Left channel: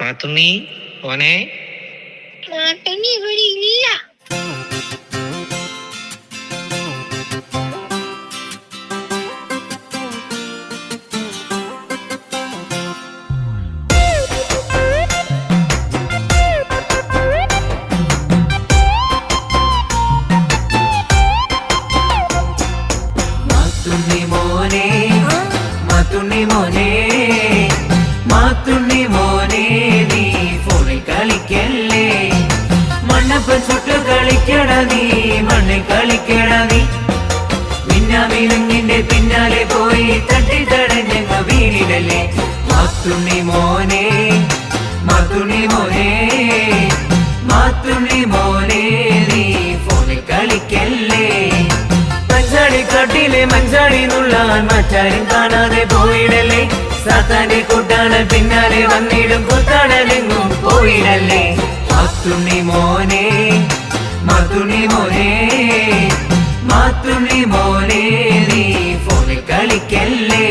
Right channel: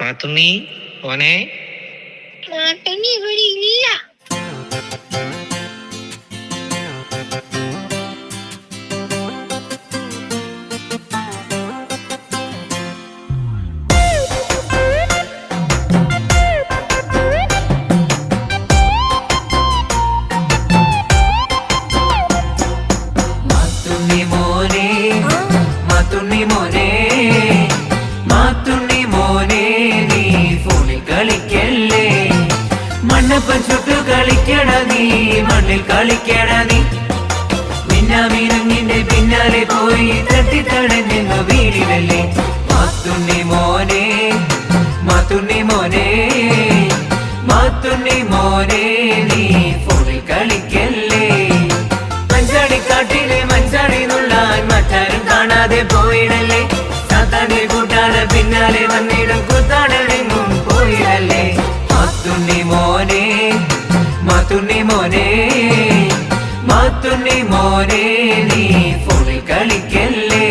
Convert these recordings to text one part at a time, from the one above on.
മാത്തുണ്ണി ഓനെ മാത്തുണ്ണി ഇവിടെ ഇല്ല. മാത്തുണ്ണി മോനെ മാത്തുണ്ണി മോനെ മാത്തുണ്ണി മോനെ നീ ഫോണിൽ കളിക്കല്ലേ. മണ്ണപ്പം ചുട്ടു കളിക്കട നീ, മണ്ണിൽ കളിക്കട നീ. മിന്നാമിനങ്ങിന്റെ പിന്നാലെ പോയി തട്ടിത്തടഞ്ഞങ്ങ വീടിടല്ലേ. മാത്തുണ്ണി മോനെ മാത്തുണ്ണി മോനെ മാത്തുണ്ണി മോനെ നീ ഫോണിൽ കളിക്കല്ലേ. മഞ്ചാടിക്കാട്ടിലെ മഞ്ചാടി നുള്ളാൻ മറ്റാരും കാണാതെ പോയിടല്ലേ. സാത്താന്റെ കൂട്ടാണ് പിന്നാലെ വന്നിടും കുത്താടലെങ്ങും പോയിടല്ലേ. മാത്തുണ്ണി മോനെ മാത്തുണ്ണി മോനെ മാത്തുണ്ണി മോനെ നീ ഫോണിൽ കളിക്കല്ലേ.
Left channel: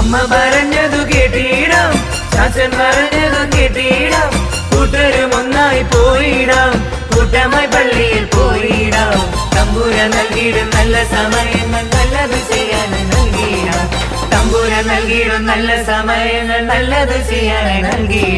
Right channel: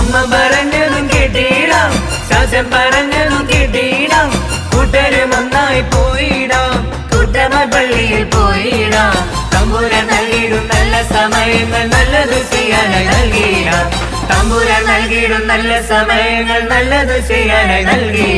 അമ്മ പറഞ്ഞതു കേട്ടിടാം, ചാച്ചൻ പറഞ്ഞതു കേട്ടിടാം. കൂട്ടരും ഒന്നായി പോയിടാം, കൂട്ടമായി പള്ളിയിൽ പോയിടാം. തമ്പുര നൽകിയിടും നല്ല സമയങ്ങൾ നല്ലത് ചെയ്യാനായി നൽകിയിടാം. തമ്പുര നൽകിയിടും നല്ല സമയങ്ങൾ നല്ലത് ചെയ്യാനായി നൽകി